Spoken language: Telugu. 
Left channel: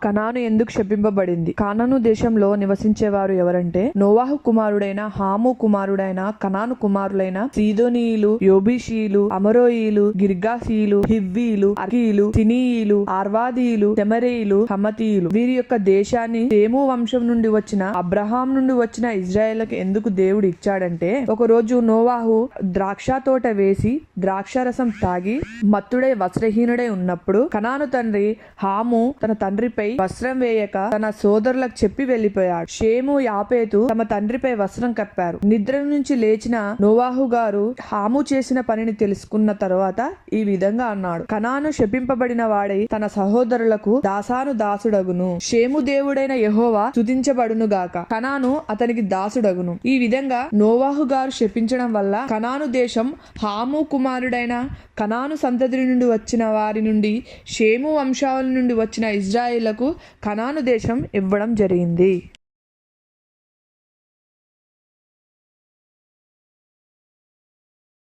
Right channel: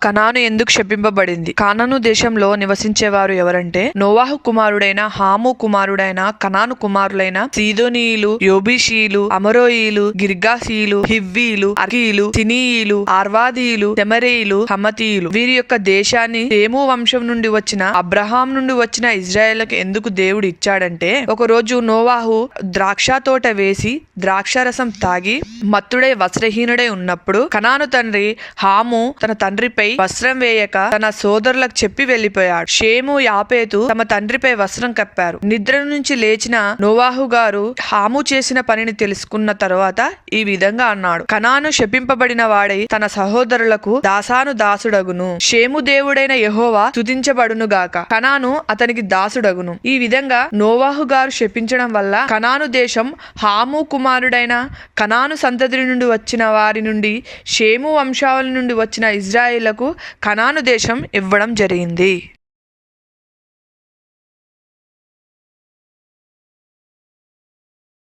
కనాను ఎందుకు శపింపబడింది? కానాను దేశంలో నివసించేవారు ఎవరంటే నోవాహు కుమారుడైన హాము కుమారుడైన కనాను కుమారులైన సీదోనీయులు, యోబీషీయులు, అమరోయీలు, గిర్గాసీయులు, హివ్వీలు, అర్కీయులు, సినీయులు, ఆర్వాదీయులు, తెమరేయులు, హమతీయులు. వీరి యొక్క దేశాన్ని సేము వంశం నుండి వచ్చిన అబ్రహాం నుండి వచ్చిన ఇజ్రాయేళ్లకు ఎందుకు దేవుడు ఇచ్చాడంటే, ఒక రోజు నోవాహు ద్రాక్ష తోట వేసి ద్రాక్షారసం తాగి మత్తుడై వస్త్రహీనుడై ఉన్నప్పుడు కనాను తండ్రి హాము తన తండ్రిపై వస్త్రం వేయక తన సోదరులకు చెప్పి వెళ్లిపోయాడు. షేము, యాపేతు తమ తండ్రిపై వస్త్రం కప్పారు. నిద్ర నుంచి లేచిన నోవాహు గారు హాము చేసిన పనిని తెలుసుకున్న తరువాత ఈ విధంగా అన్నాడు: కనాను శపింపబడిన వాడై తన సహోదరులకు దాసాను దాసుడగును. షేము దేవుడైన యెహోవా స్తుతించబడును గాక. కనాను అతనికి దాసుడగును. ఈ విధంగా నోవాహు గారు శపించడం వల్ల కనాను దేశం హాము కుమారుడైన కనాను సంతతి నుండి వచ్చిన వారి నుండి షేము వంశావళి నుండి వచ్చిన ఇజ్రాయేళ్లకు కనాను దేశం ఇవ్వడం జరిగింది.